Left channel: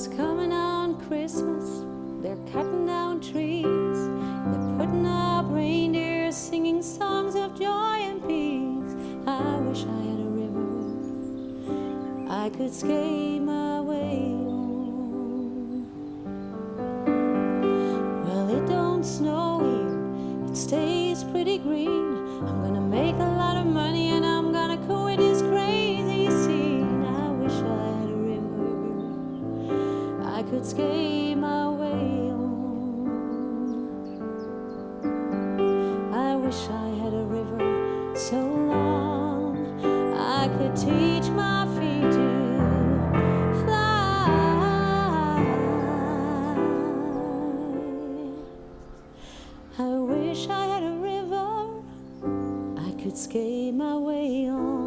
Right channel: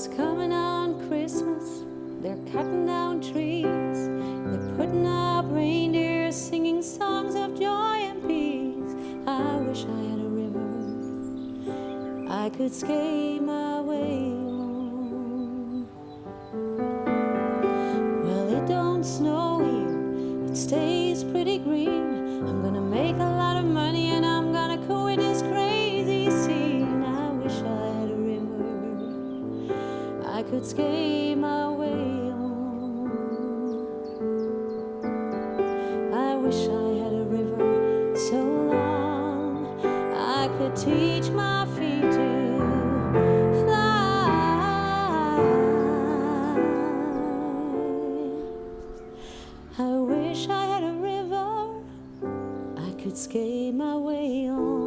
It's coming on Christmas, they're cutting down trees, they're putting up reindeer, singing songs of joy and peace. I wish I had a river I could skate my way on. Well, it don't snow here, it stays pretty green. I'm gonna make a lot of money and I'm gonna quit this crazy scene. I wish I had a river I could skate my way on. I wish I had a river so long I could teach my feet to fly. I wish I had a river I could skate my way on.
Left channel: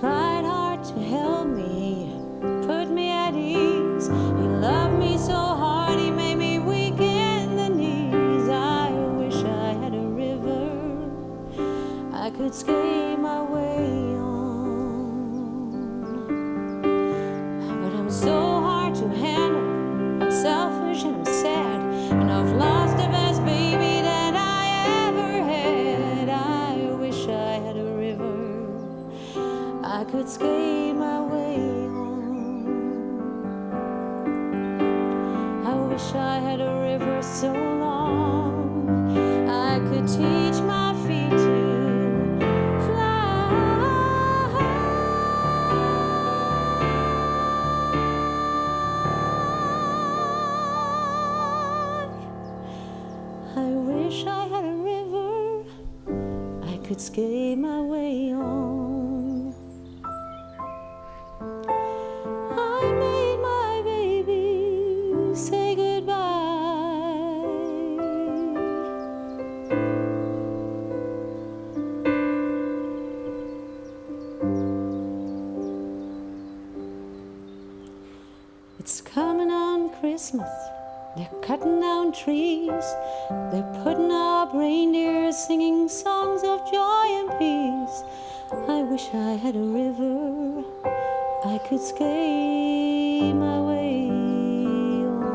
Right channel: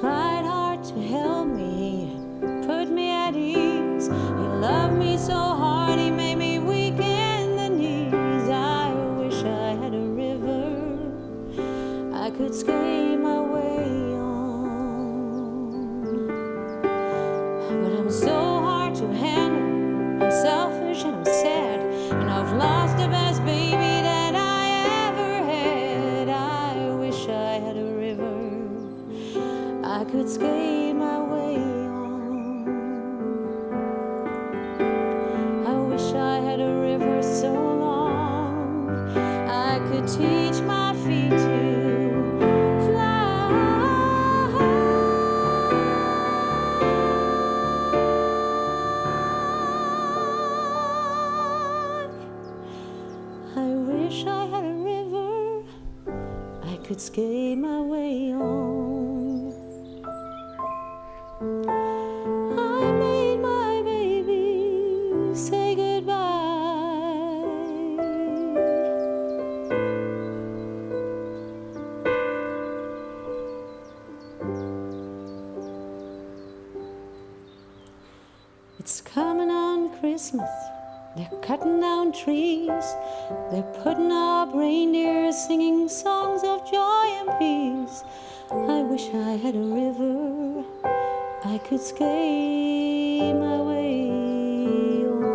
Tried hard to help me, put me at ease. He loved me so hard, he made me weak in the knees. I wish I had a river I could skate my way on. But I'm so hard to handle, I'm selfish and I'm sad, and I've lost the best baby that I ever had. I wish I had a river I could skate my way on. I wish I had a river so long I could teach my feet to fly. I wish I had a river I could skate my way on. I made my baby say goodbye. It's coming on Christmas, they're cutting down trees, they're putting up reindeer, singing songs of joy and peace. I wish I had a river I could skate my way on.